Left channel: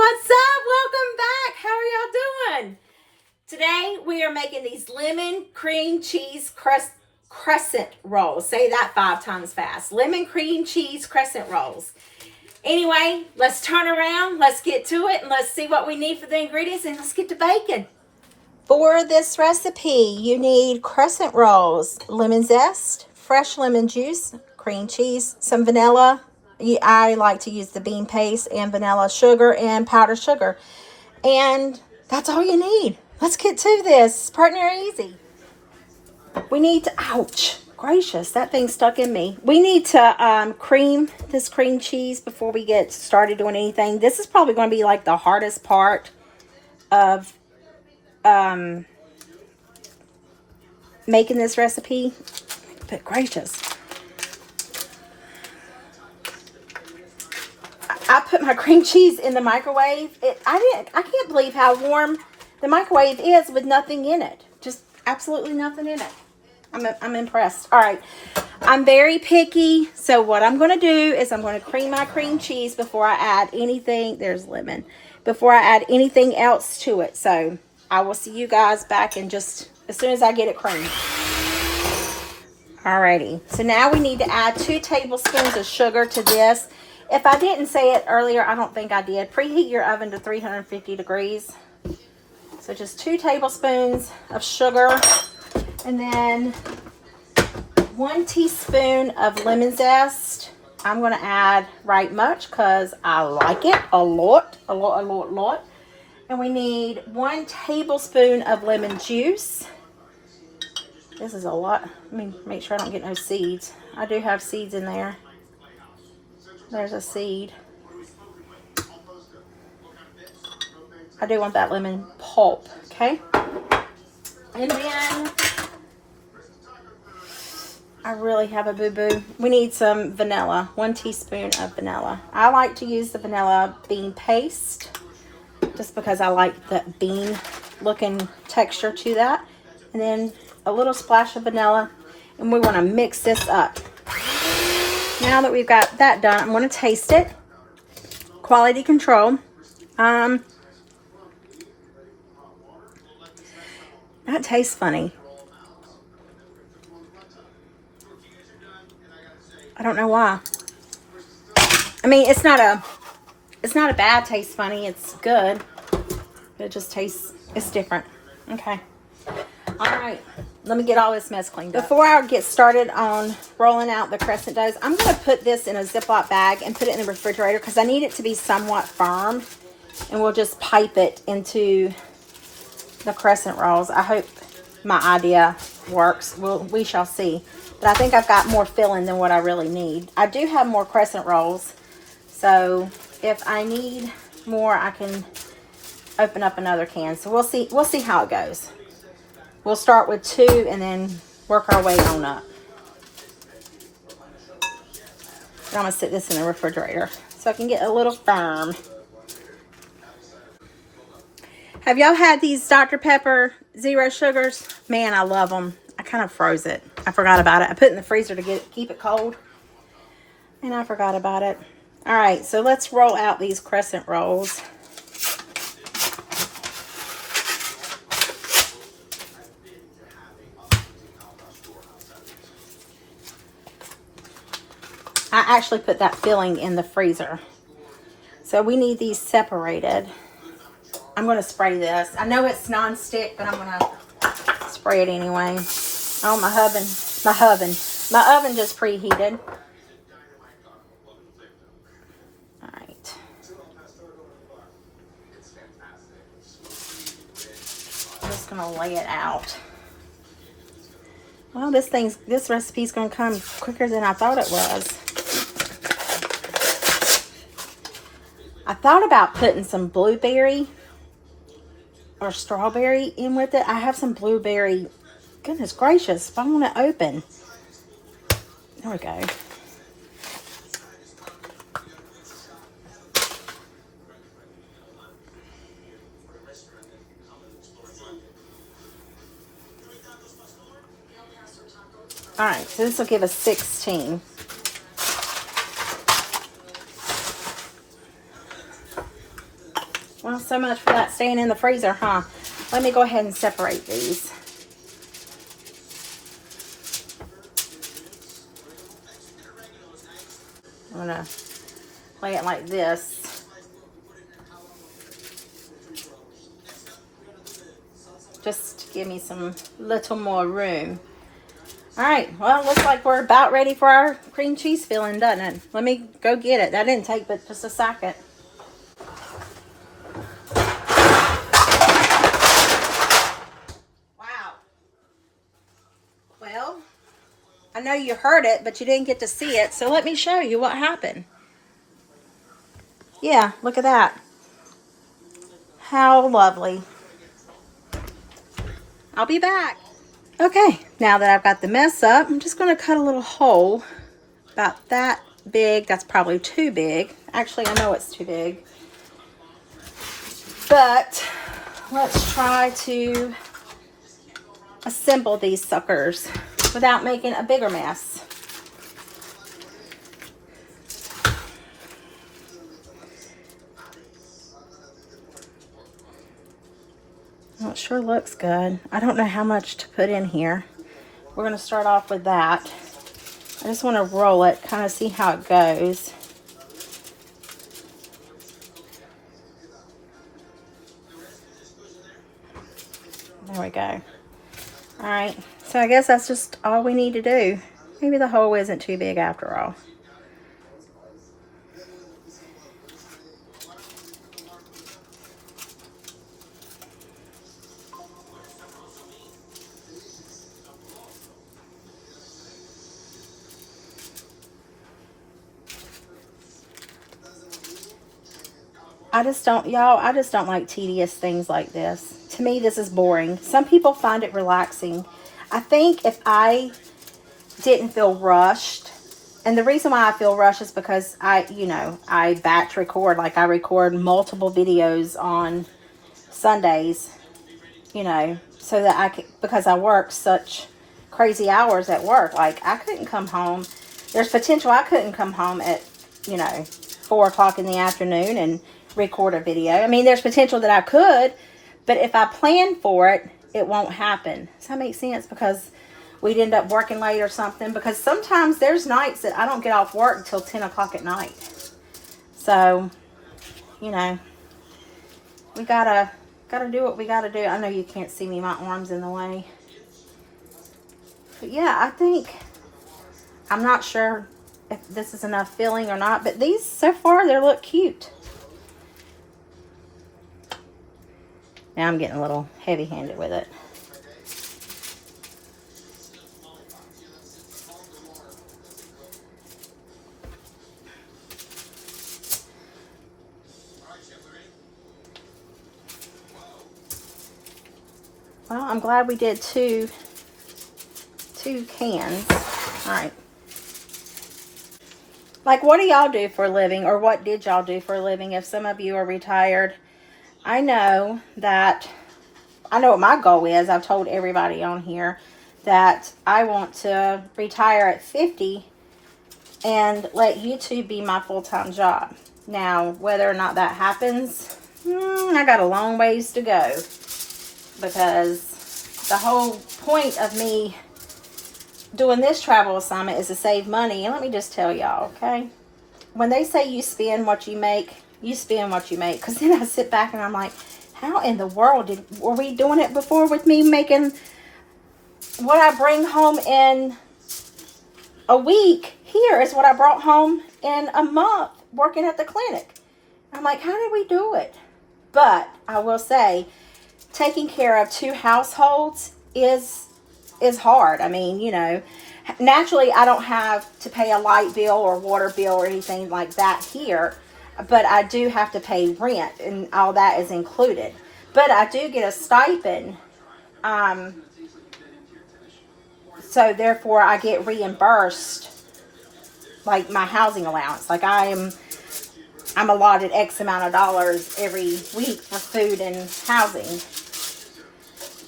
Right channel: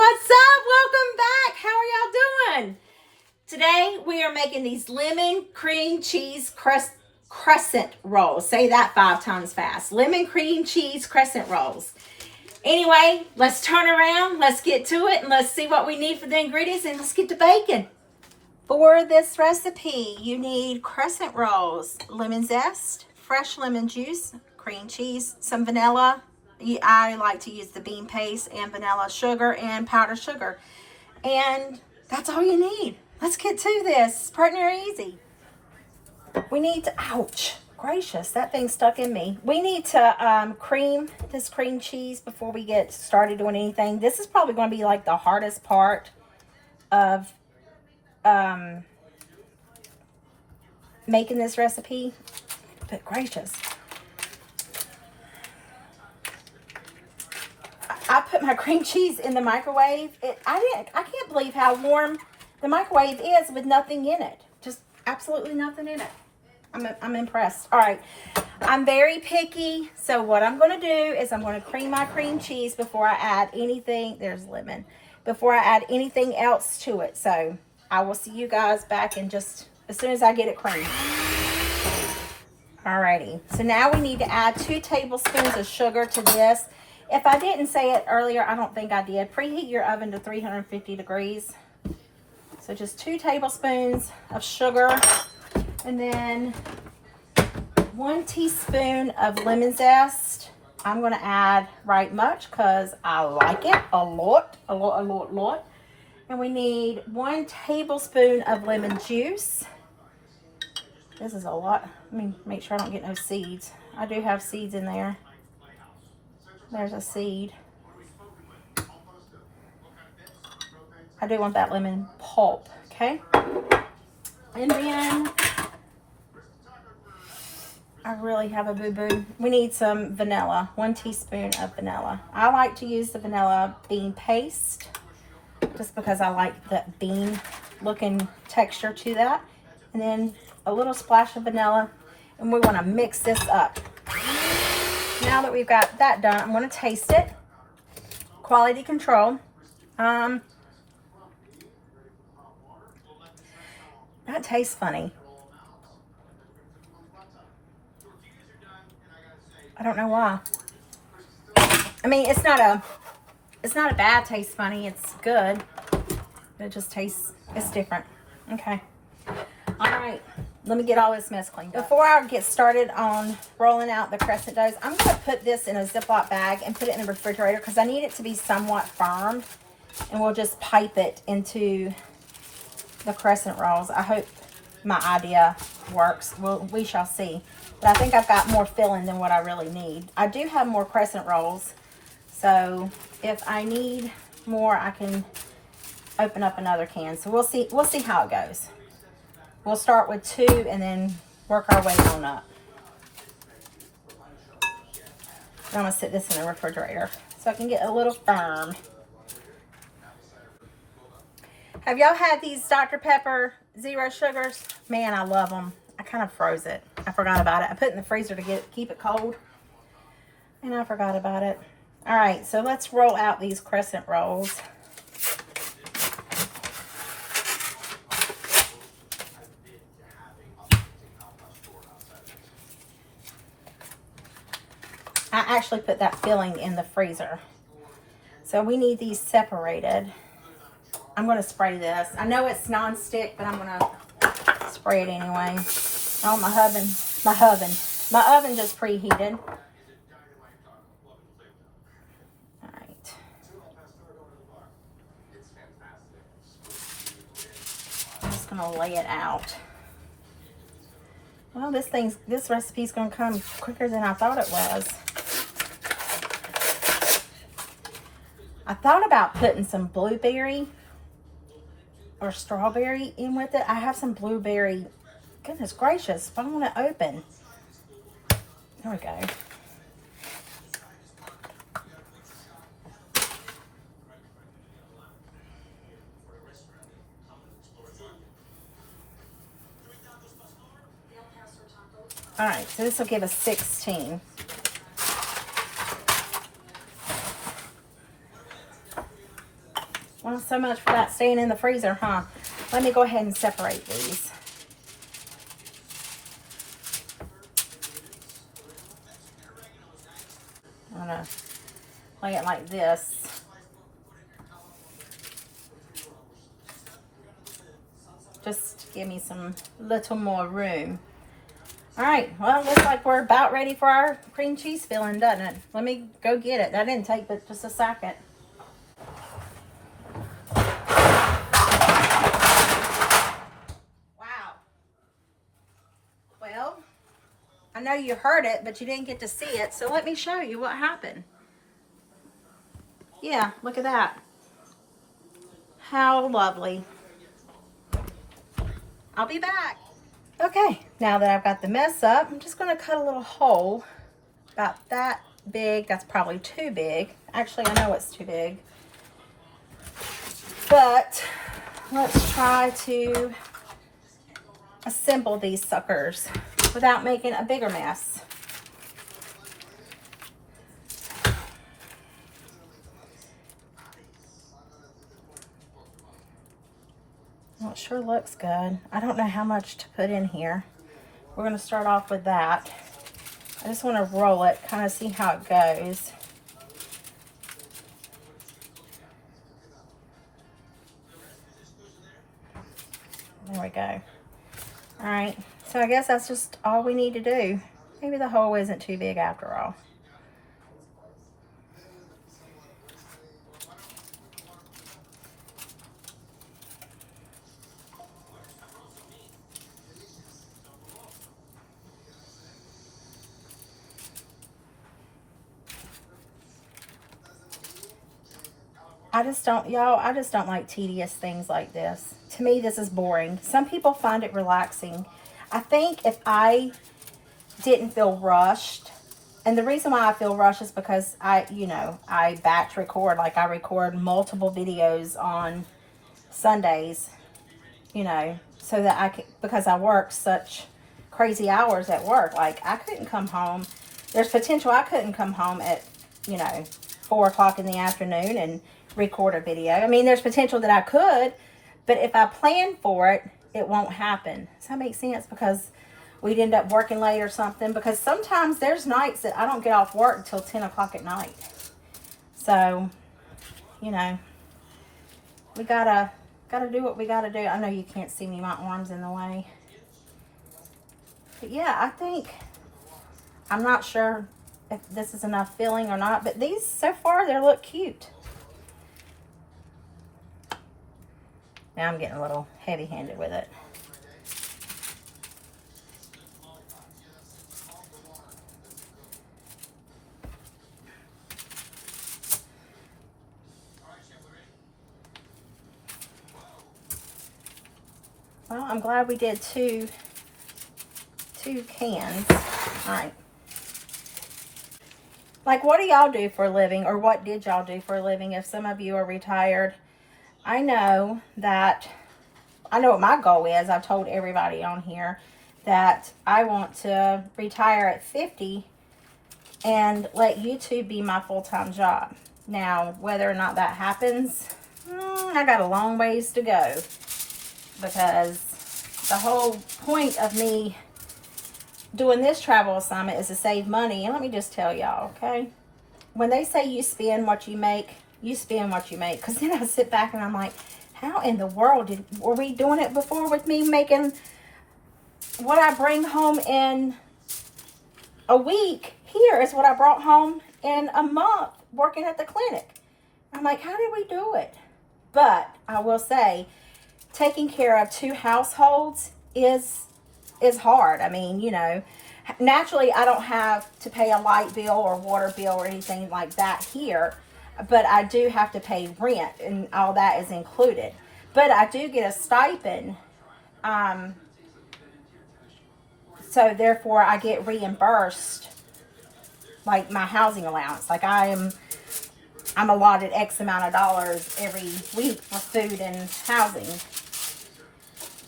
what's up? Welcome back. How are y'all doing? Today we are making these lemon cream cheese crescent rolls. Say that 5 times fast. Lemon cream cheese crescent rolls. Anyway, let's turn around. Let's get to it and let's see what we need for the ingredients and let's get to baking. For this recipe, you need crescent rolls, lemon zest, fresh lemon juice, cream cheese, some vanilla. I like to use the bean paste and vanilla, sugar and powdered sugar. And that's all you need. Let's get to this. Partner easy. We need to, ouch, gracious, that thing stuck in me. We need to cream this cream cheese before we get started doing anything. This is probably going to be like the hardest part of making this recipe. But gracious. I put my cream cheese in the microwave. I can't believe how warm the microwave is with nothing in it. Just absolutely nothing in it. I'm impressed. All right. I'm very picky. So what I'm going to do is I'm going to cream my cream cheese before I add anything. There's lemon. Before I add anything else to it. So I will see you guys back in just as soon as I get it creamed. Alrighty. So now we need to add 2 tablespoons of sugar to this. If I didn't say it earlier, I don't think I did. Preheat your oven to 350 degrees. So just 2 tablespoons of sugar. And then 1 teaspoon of lemon zest. I'm going to add right much because I like it a lot. And we need 1 tablespoon of lemon juice. This is a lot. Let me make sure I don't get no seeds. I do have seeds in there. There's a seed. I do want that lemon pulp, okay? And then I really have a boo-boo. We need some vanilla, 1 teaspoon of vanilla. I like to use the vanilla bean paste just because I like the bean looking texture to that. And then a little splash of vanilla, and we want to mix this up. Now that we've got that done, I'm going to taste it. Quality control. That tastes funny. I don't know why. I mean, it's not a bad taste funny. It's good. It just tastes, it's different. Okay. All right. Let me get all this mess cleaned up. Before I get started on rolling out the crescent doughs, I'm going to put this in a Ziploc bag and put it in the refrigerator because I need it to be somewhat firm. And we'll just pipe it into the crescent rolls. I hope my idea works. We shall see. But I think I've got more filling than what I really need. I do have more crescent rolls. So if I need more, I can open up another can. So we'll see how it goes. We'll start with 2 and then work our way on up. And I'm going to sit this in the refrigerator so I can get a little firm. Have y'all had these Dr. Pepper Zero Sugars? Man, I love them. I kind of froze it. I forgot about it. I put it in the freezer to keep it cold. And I forgot about it. All right, so let's roll out these crescent rolls. I actually put that filling in the freezer. So we need these separated. I'm going to spray this. I know it's non-stick, but I'm going to spray it anyway. Oh, my oven just preheated. All right. I'm just going to lay it out. Well, this recipe's going to come quicker than I thought it was. I thought about putting some blueberry or strawberry in with it. I have some blueberry. Goodness gracious, if I want to open. There we go. All right, so this will give us 16. Well, so much for that staying in the freezer, huh? Let me go ahead and separate these. I'm gonna lay it like this. Just to give me some little more room. All right, well, it looks like we're about ready for our cream cheese filling, doesn't it? Let me go get it. That didn't take but just a second. Wow. Well, I know you heard it, but you didn't get to see it, so let me show you what happened. Yeah, look at that. How lovely. I'll be back. Okay, now that I've got the mess up, I'm just going to cut a little hole about that big. That's probably too big. Actually, I know it's too big. But let's try to assemble these suckers without making a bigger mess. Well, it sure looks good. I don't know how much to put in here. We're going to start off with that. I just want to roll it, kind of see how it goes. There we go. All right, so I guess that's just all we need to do. Maybe the hole isn't too big after all. I just don't, y'all, I just don't like tedious things like this. To me, this is boring. Some people find it relaxing. I think if I didn't feel rushed, and the reason why I feel rushed is because I batch record. Like, I record multiple videos on Sundays, so that I could, because I work such crazy hours at work. Like, I couldn't come home. There's potential I couldn't come home at, 4 o'clock in the afternoon and record a video. I mean, there's potential that I could, but if I plan for it, it won't happen. Does that make sense? Because we'd end up working late or something. Because sometimes there's nights that I don't get off work until 10 o'clock at night. So, we gotta do what we gotta do. I know you can't see me, my arm's in the way. But yeah, I think, I'm not sure if this is enough filling or not, but these so far, they look cute. Now I'm getting a little heavy-handed with it. Well, I'm glad we did two cans. All right. Like, what do y'all do for a living, or what did y'all do for a living if some of you are retired? I know what my goal is. I've told everybody on here that I want to retire at 50 and let YouTube be my full-time job. Now, whether or not that happens, I got a long ways to go, because the whole point of me doing this travel assignment is to save money. And let me just tell y'all, okay? When they say you spend what you make, you spend what you make. Because then I sit back and I'm like, how in the world were we doing it before with me making what I bring home in a week? Here is what I brought home in a month working at the clinic. I'm like, how did we do it? But I will say, taking care of 2 households is hard. I mean, naturally I don't have to pay a light bill or water bill or anything like that here, but I do have to pay rent, and all that is included. But I do get a stipend, so therefore I get reimbursed, like, my housing allowance. Like, I'm allotted X amount of dollars every week for food and housing.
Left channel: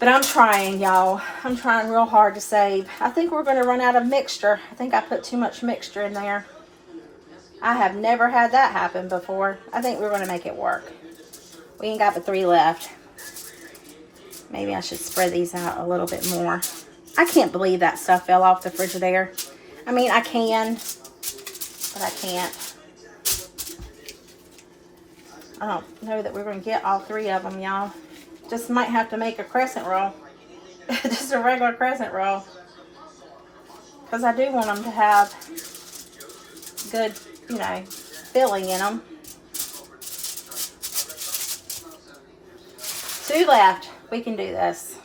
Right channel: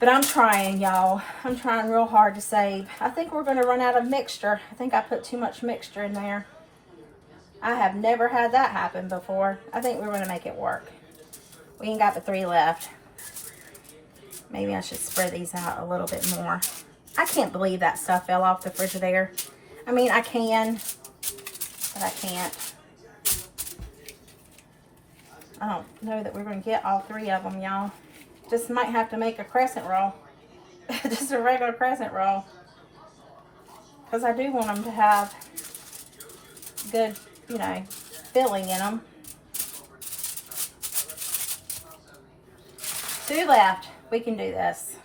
But I'm trying, y'all. I'm trying real hard to save. I think we're going to run out of mixture. I think I put too much mixture in there. I have never had that happen before. I think we're going to make it work. We ain't got but 3 left. Maybe I should spread these out a little bit more. I can't believe that stuff fell off the Frigidaire. I mean, I can, but I can't. I don't know that we're going to get all 3 of them, y'all. Just might have to make a crescent roll. Just a regular crescent roll. Because I do want them to have good, you know, filling in them. 2 left. We can do this.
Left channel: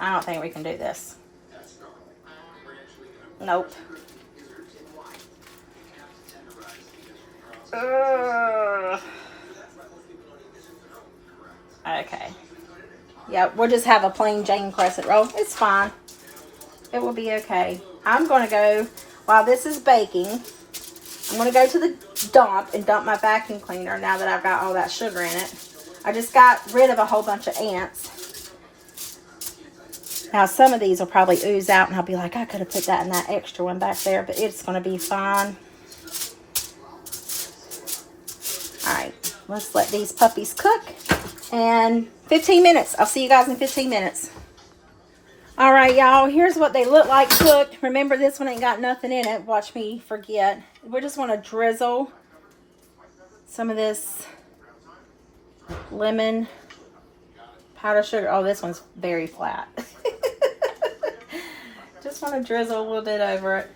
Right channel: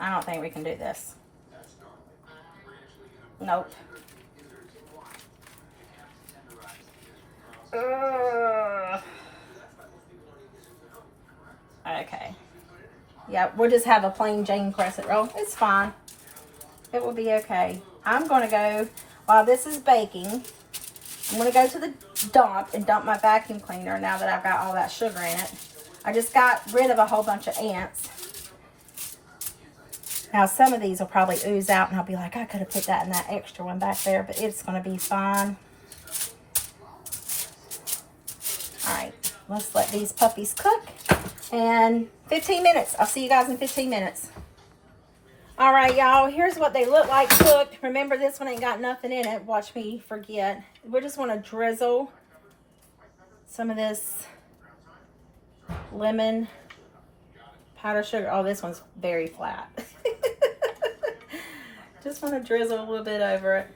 I don't think we can do this. Nope. Okay. Yep, we'll just have a plain Jane crescent roll. It's fine. It will be okay. I'm going to go, while this is baking, I'm going to go to the dump and dump my vacuum cleaner now that I've got all that sugar in it. I just got rid of a whole bunch of ants. Now, some of these will probably ooze out, and I'll be like, I could have put that in that extra one back there, but it's going to be fine. All right, let's let these puppies cook. And 15 minutes. I'll see you guys in 15 minutes. All right, y'all, here's what they look like cooked. Remember, this one ain't got nothing in it. Watch me forget. We just want to drizzle some of this lemon powder sugar. Oh, this one's very flat. Just want to drizzle a little bit over it.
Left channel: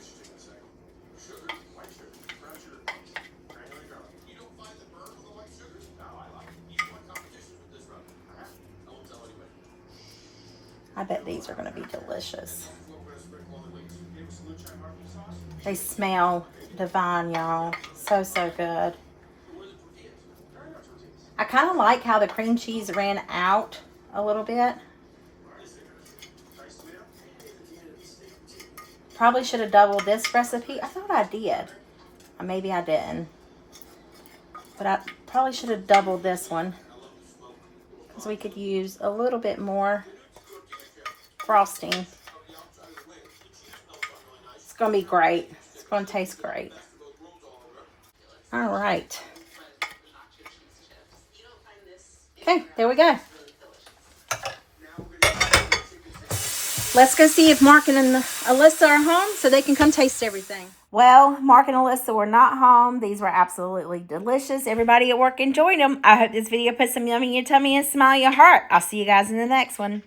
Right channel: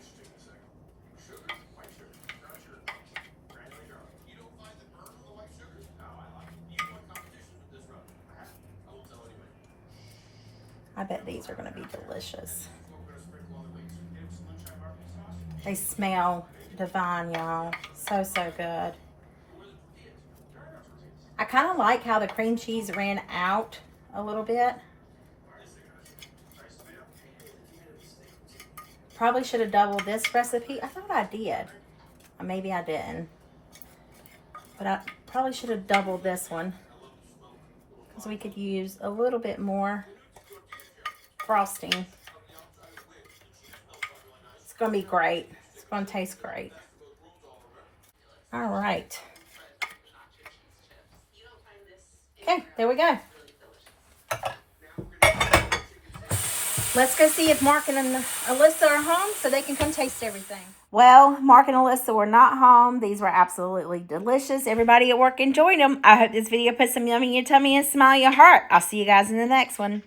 I bet these are going to be delicious. They smell divine, y'all. So, so good. I kind of like how the cream cheese ran out a little bit. Probably should have doubled this recipe. I thought I did. Or maybe I didn't. But I probably should have doubled this one, because we could use a little bit more frosting. It's going to be great. It's going to taste great. All right. Okay, there we go. Let's go see if Mark and Alyssa are home so they can come taste everything. Well, Mark and Alyssa were not home. These were absolutely delicious. Everybody at work enjoyed them. I hope this video put some yummy in your tummy and smile your heart. I'll see you guys in the next one.